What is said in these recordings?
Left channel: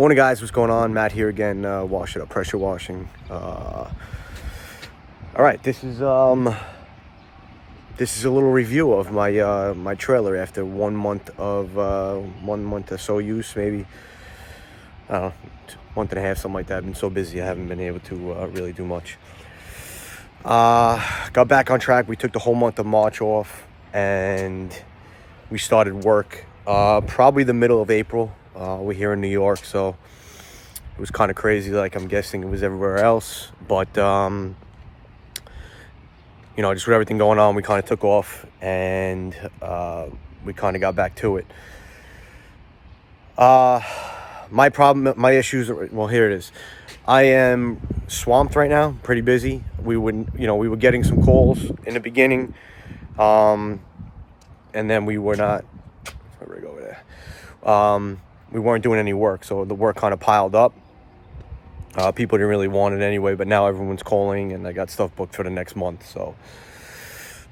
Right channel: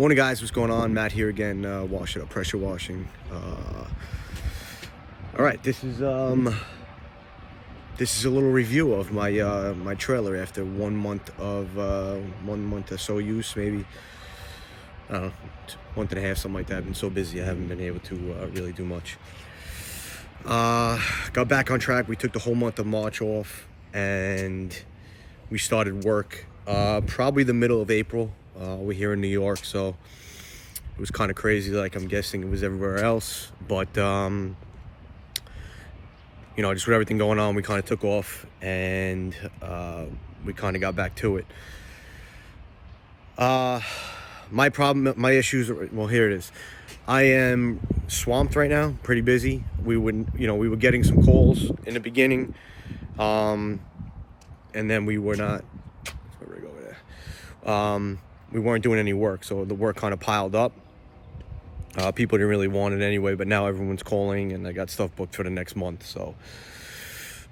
Morning, guys. What's going on? Matt here again. Wash it up, pressure washing. All right, this is a little review of my my trailer after 1 month of 1 month or so use, maybe. I don't know, month and a half, something like that. I've been so busy, I haven't been able to really do much. Got back on track. We took the whole month of March off, and we started work probably the middle of April. We're here in New York, so it was kind of crazy, like I'm guessing it was everywhere else. But you know, just with everything going on, we kind of took off, and we kind of got back to it. My issues, well, here it is. I am swamped right now, pretty busy. We were getting some calls in the beginning, and then we were not. Rig over there. We weren't doing any work, so the work kind of piled up. People didn't really want it anyway, but now everyone's calling, and I got stuff booked for the next month. So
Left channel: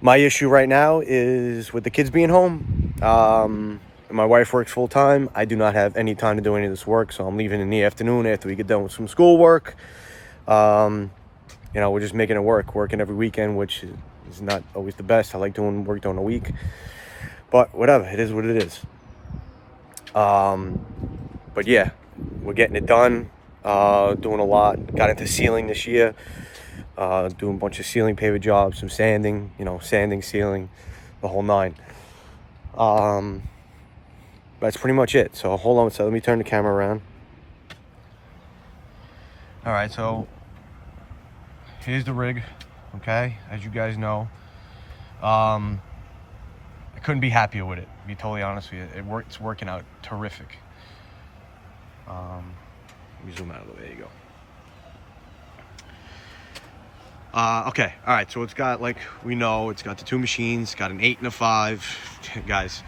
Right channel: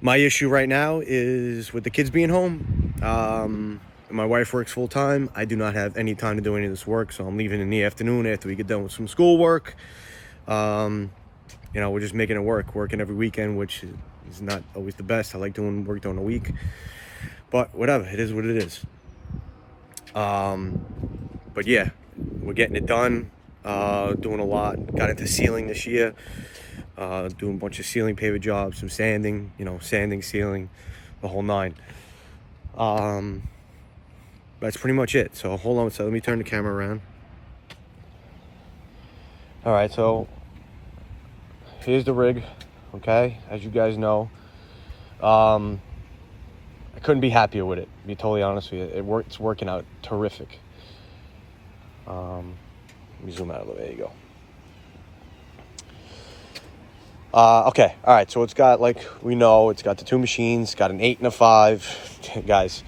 my issue right now is with the kids being home. My wife works full time. I do not have any time to do any of this work, so I'm leaving in the afternoon after we get done with some schoolwork. You know, we're just making it work, working every weekend, which is not always the best. I like doing work during the week, but whatever, it is what it is. But yeah, we're getting it done. Doing a lot. Got into sealing this year. Doing a bunch of ceiling paver jobs, some sanding, sanding, sealing, the whole nine. That's pretty much it. So hold on, so let me turn the camera around. All right, so here's the rig, okay? As you guys know, I couldn't be happier with it, to be totally honest with you. It's working out terrific. Let me zoom out of the way. There you go. Okay, all right, so it's got, like we know, it's got the two machines. It's got an 8 and a 5. Guys,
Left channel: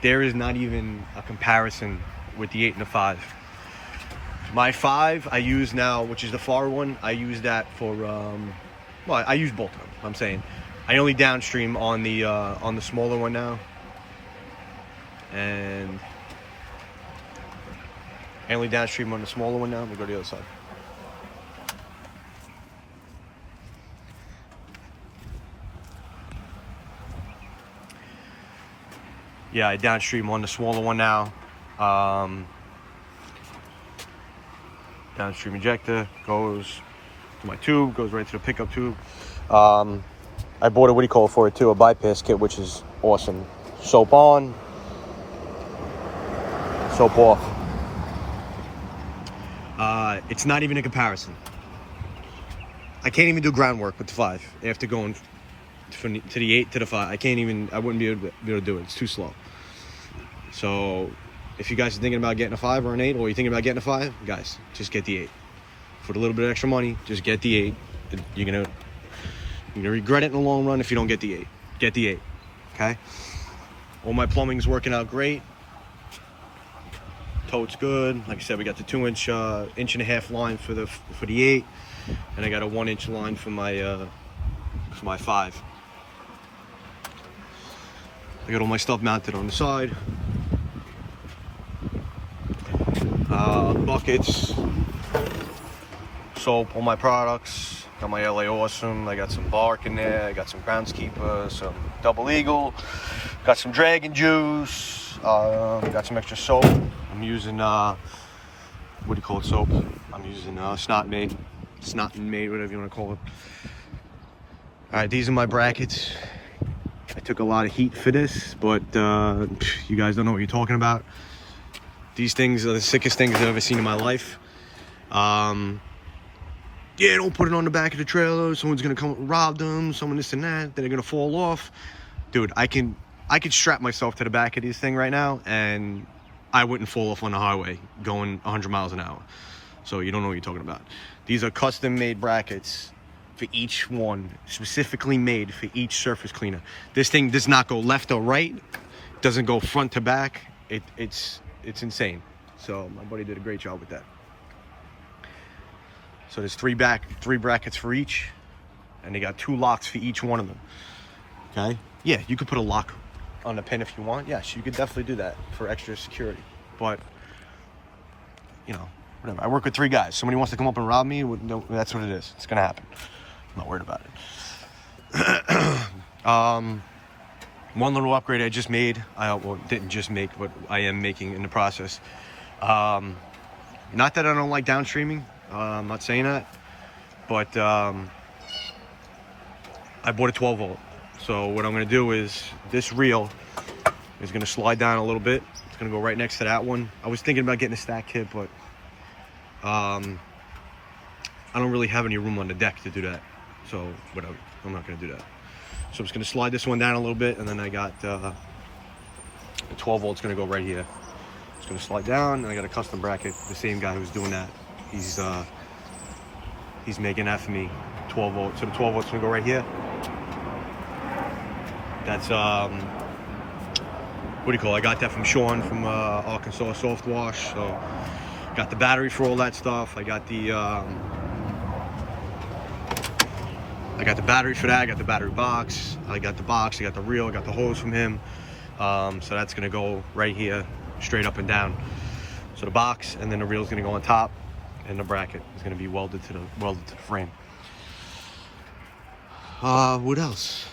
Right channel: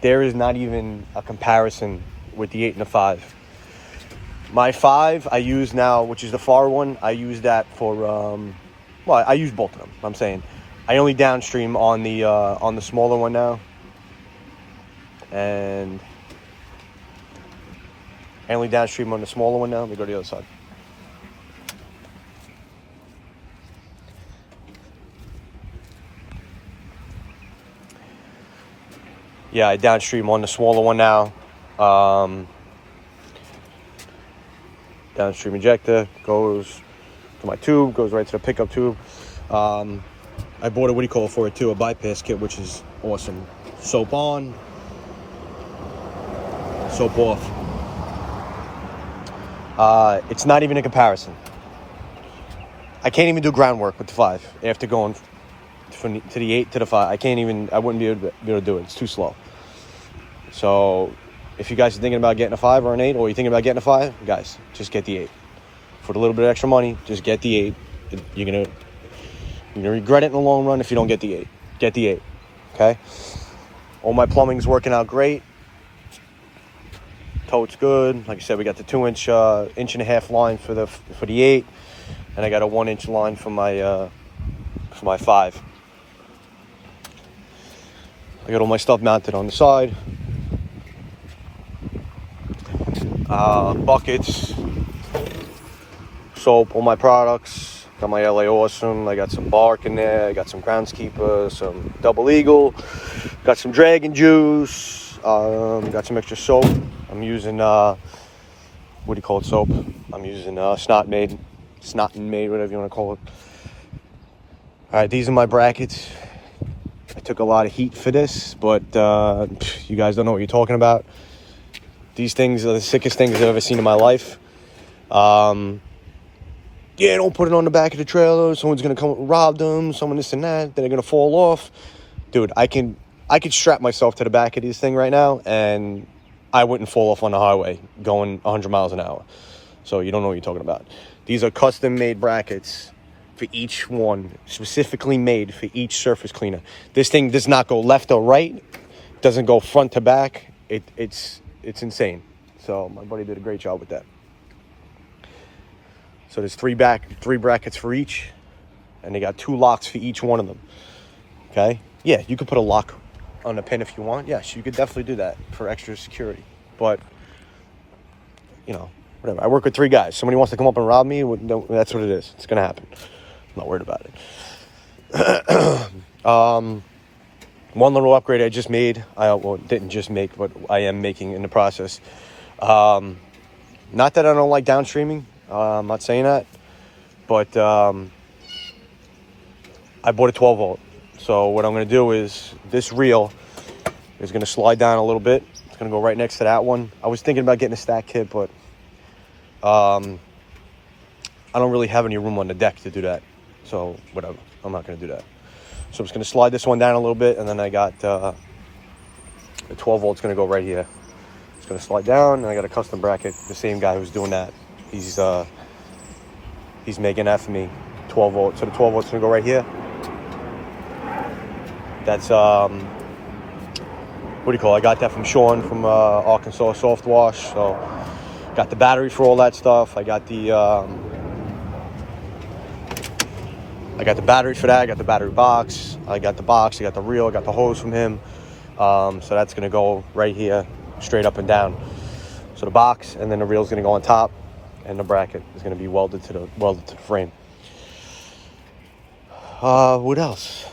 there is not even a comparison with the 8 and the 5. My 5 I use now, which is the far one. I use that for well, I use both of them. I'm saying I only downstream on the smaller one now, and I only downstream on the smaller one now. Let me go to the other side. Yeah, I downstream on the smaller one now. Downstream injector goes to my tube, goes right to the pickup tube. I bought a for it too, a bypass kit, which is awesome. Soap on, soap off. It's not even a comparison. I can't even do groundwork with the 5 after going to the 8 to the 5. I wouldn't be able to do it. It's too slow. So if you guys are thinking about getting a 5 or an 8, or you're thinking about getting a 5, guys, just get the 8. For a little bit of extra money, just get the 8. You're gonna regret it in the long run if you don't get the 8. Get the 8, okay? All my plumbing's working out great. Tote's good. Like I said, we got the 2-inch, 1.5-inch line for the 8, and I got a 1-inch line for my 5. I got all my stuff mounted on the side. Buckets, soap, all my products. Got my LA Awesome. I got some bark in there. I got some Groundskeeper, some Double Eagle. Got some Dragon Juice. Got some extra soap. I'm using what do you call it? Soap. I'm using Snot and Maid, whatever you want to call it. All right, these are my brackets. I took a lot of heat for this, but you guys don't know what you're talking about. These things are the sickest things I've ever seen in my life. Yeah, don't put it on the back of the trailer. Someone's gonna come rob them. Someone this and that. Then they're gonna fall off. Dude, I could strap myself to the back of this thing right now, and I wouldn't fall off on the highway going 100 miles an hour. So you don't know what you're talking about. These are custom-made brackets for each one, specifically made for each surface cleaner. This thing does not go left or right. It doesn't go front to back. It's insane. So my buddy did a great job with that. So there's three brackets for each, and they got 2 locks for each one of them. Okay? Yeah, you could put a lock on the pin if you want. Yes, you could definitely do that for extra security. But whatever. I work with 3 guys. Somebody wants to come up and rob me, that's what it is. It's gonna happen. I'm not worried about it. One little upgrade I just made. Didn't just make, but I am making in the process. Not that I don't like downstreaming. I'm not saying that, but I bought a 12 volt. So what I'm going to do is this reel is going to slide down a little bit. It's going to go right next to that one. I was thinking about getting a stack kit, but I don't really have any room on the deck to do that. So whatever, I'm not going to do that. So I'm just going to slide this one down a little bit, and then I got the 12 volt's going to go right here. It's going to slide down, and I got a custom bracket. The same guy who's doing that, he's making that for me. 12 volt. So the 12 volt's going to go right here. That's what do you call it? I got that from Sean from Arkansas Soft Wash. So got the battery for all that stuff. I got the battery for that. I got the battery box. I got the reel. I got the hose from him. So that's gonna go right here, straight up and down. So the box, and then the reel's gonna go on top, and the bracket is gonna be welded to the frame. What else?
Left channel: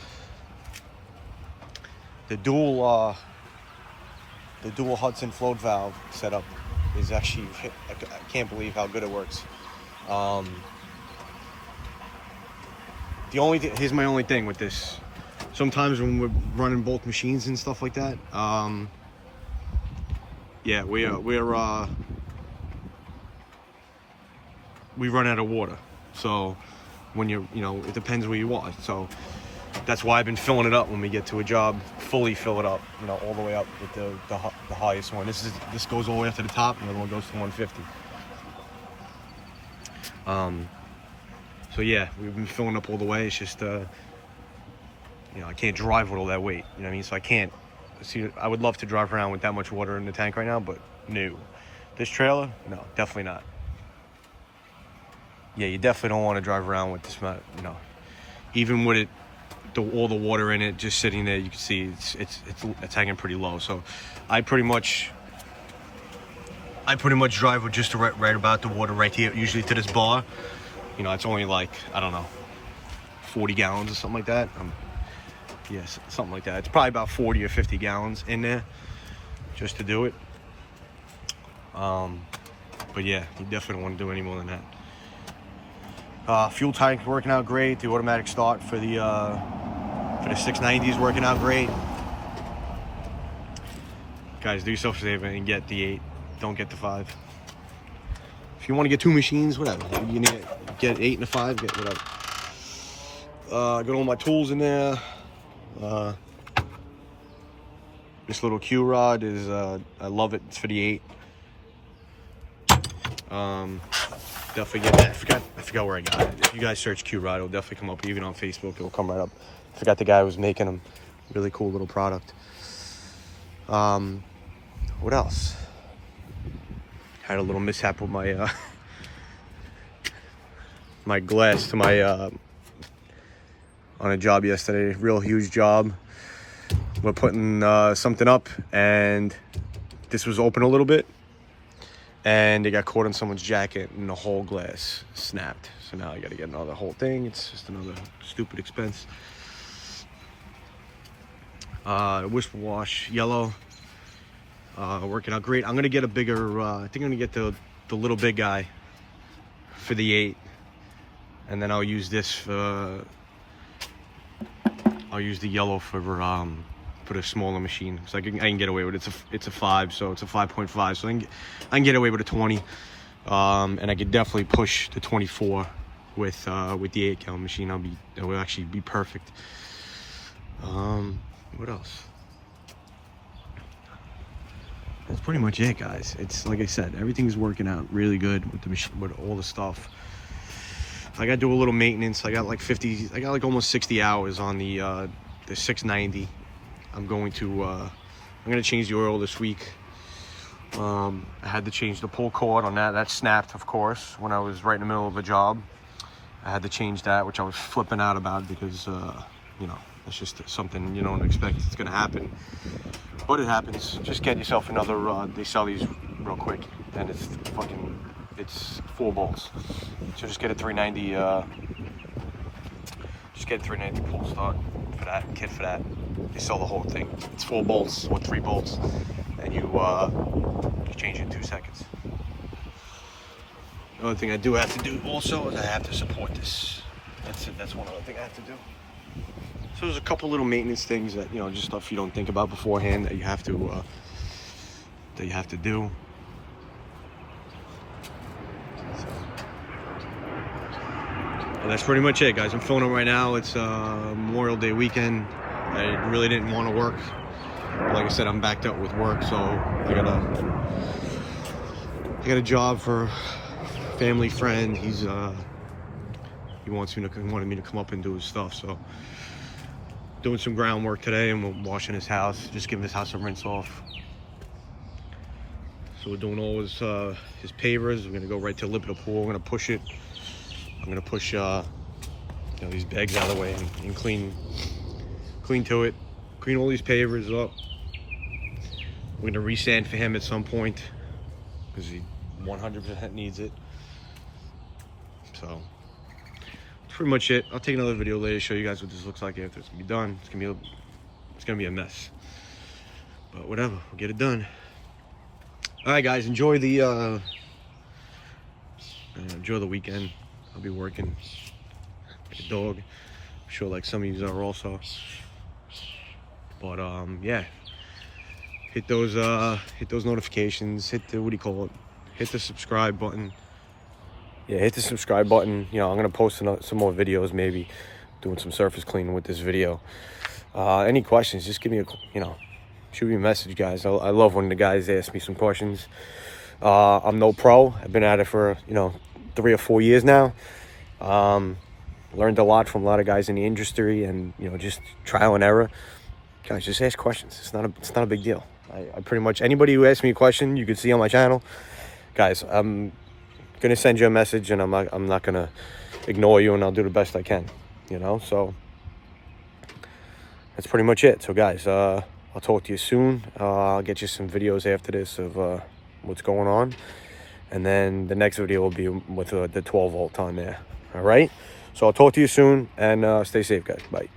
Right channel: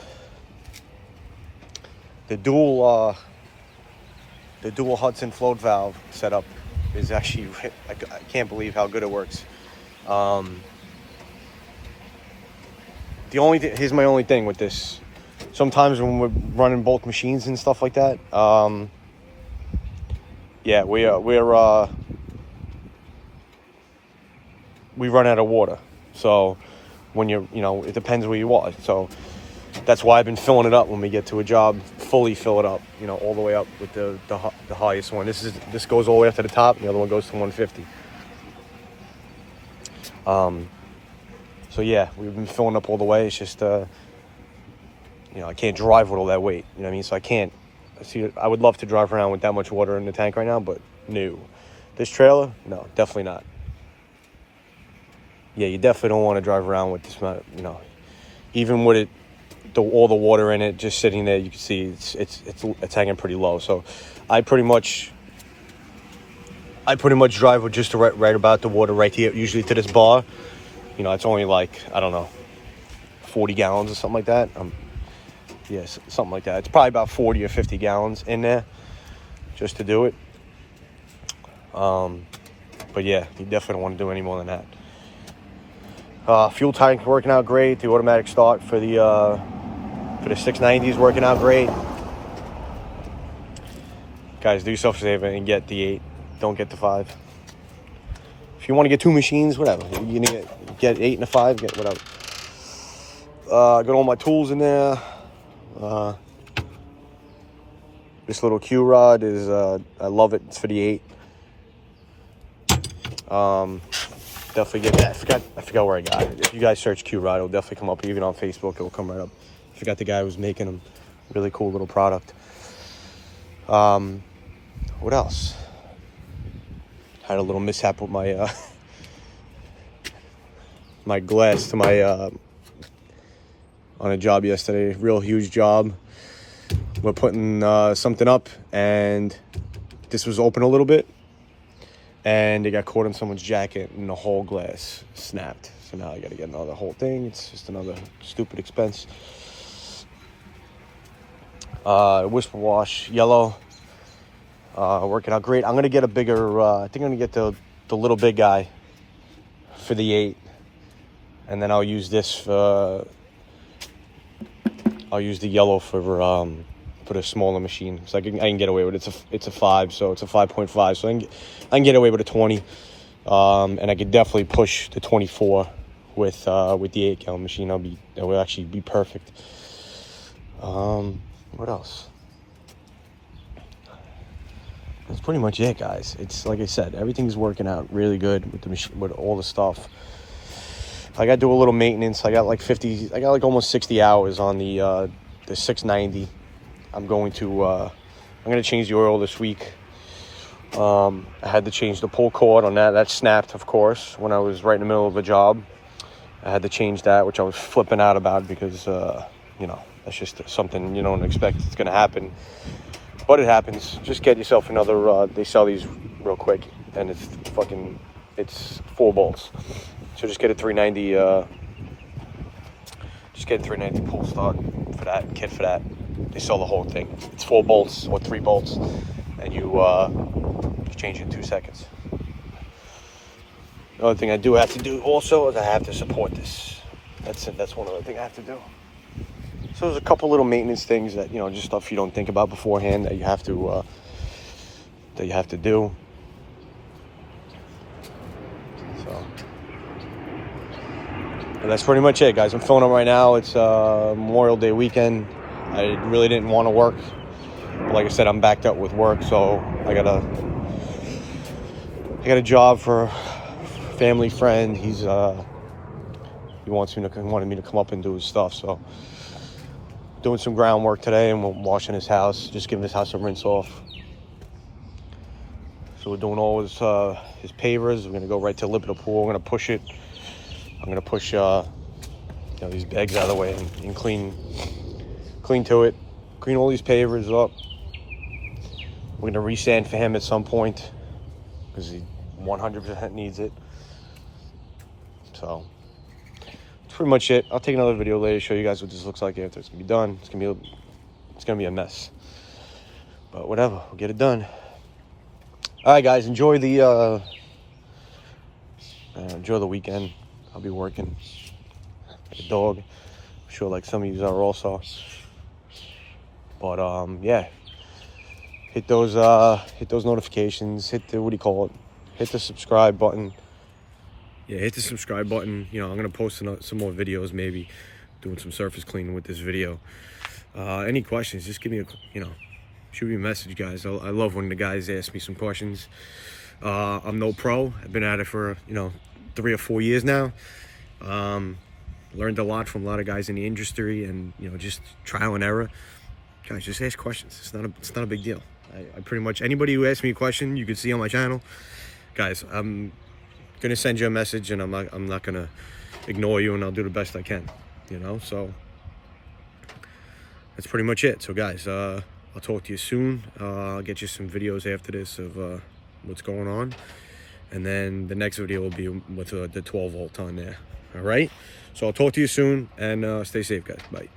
The dual Hudson float valve setup is actually, I can't believe how good it works. Here's my only thing with this. Sometimes when we're running both machines and stuff like that, we run out of water. So when it depends where you are. So that's why I've been filling it up when we get to a job. Fully fill it up, all the way up with the highest one. This goes all the way up to the top. And the other one goes to 150. So yeah, we've been filling up all the way. It's just I can't drive with all that weight. You know what I mean? So I can't. I would love to drive around with that much water in the tank right now, but no. This trailer, no, definitely not. Yeah, you definitely don't want to drive around with this amount. Even with it. All the water in it just sitting there, you can see it's hanging pretty low. So I pretty much drive with just right about the water right here, usually to this bar. It's only like, I don't know, 40 gallons or something like that. Yes, something like that. It's probably about 40 or 50 gallons in there just to do it. But yeah, you definitely don't want to do any more than that. Fuel tank working out great. The automatic start for the 690 is working out great. Guys, do yourself a favor and get the 8. Don't get the 5. If you want to get 2 machines, whatever. You need to get 8 and a 5, get whatever. Got all my tools in there. This little Q rod is, I love it. It's for the 8. Definitely get that. I forgot where I got it. If you guys search Q rod, it'll definitely come up. Even on Facebook, it will come right up. I forgot the guy who was making them. Really cool little product. What else? Had a little mishap with my my glass to my on a job yesterday. Real huge job. We're putting something up, and this was open a little bit, and it got caught in someone's jacket, and the whole glass snapped. So now I got to get another whole thing. It's just another stupid expense. Whisper wash yellow, working out great. I'm gonna get a bigger. I think I'm gonna get the little big guy for the 8, and then I'll use this for. I'll use the yellow for the smaller machine, because I can get away with it. It's a 5, so it's a 5.5, so I can get away with a 20, and I could definitely push the 24 with the 8-gallon machine. That will actually be perfect. What else? That's pretty much it, guys. It's like I said, everything's working out really good with the machine, with all the stuff. I got to do a little maintenance. I got like almost 60 hours on the 690. I'm going to change the oil this week. I had to change the pull cord on that. That snapped, of course, when I was right in the middle of a job. I had to change that, which I was flipping out about because, that's just something you don't expect it's going to happen. But it happens. Just get yourself another, they sell these real quick, and it's 4 bolts. So just get a 390 pull start for that, kit for that. They sell the whole thing. It's 4 bolts or 3 bolts, and you change it in 2 seconds. The other thing I do have to do also is I have to support this. That's one other thing I have to do. So there's a couple little maintenance things that, just stuff you don't think about beforehand that you have to do. So, and that's pretty much it, guys. I'm filming up right now. It's Memorial Day weekend. I really didn't want to work. Like I said, I'm backed up with work, so I got a job for a family friend. He wanted me to come up and do his stuff, so doing some groundwork today, and we're washing his house, just giving his house a rinse off. So we're doing all his pavers. We're gonna go right to the lip of the pool. We're gonna push it. I'm gonna push these bags out of the way and clean to it. Clean all these pavers up. We're gonna resand for him at some point because he 100% needs it. So that's pretty much it. I'll take another video later to show you guys what this looks like after it's gonna be done. It's gonna be a mess, but whatever. We'll get it done. All right, guys. Enjoy the weekend. I'll be working like a dog. I'm sure like some of you are also. But yeah, hit those notifications, hit the hit the subscribe button. Yeah, hit the subscribe button. I'm gonna post some more videos, maybe doing some surface cleaning with this video. Any questions, just give me shoot me a message, guys. I love when the guys ask me some questions. I'm no pro. I've been at it for 3 or 4 years now. Learned a lot from a lot of guys in the industry, and just trial and error. Guys, just ask questions. It's not a big deal. I pretty much, anybody who asks me a question, you can see on my channel. Guys, I'm gonna send you a message, and I'm not gonna ignore you, and I'll do the best I can. So that's pretty much it. So guys, I'll talk to you soon. I'll get you some videos after this of what's going on, and then the next video will be with the 12 volt on there. All right. So I'll talk to you soon, and stay safe, guys. Bye.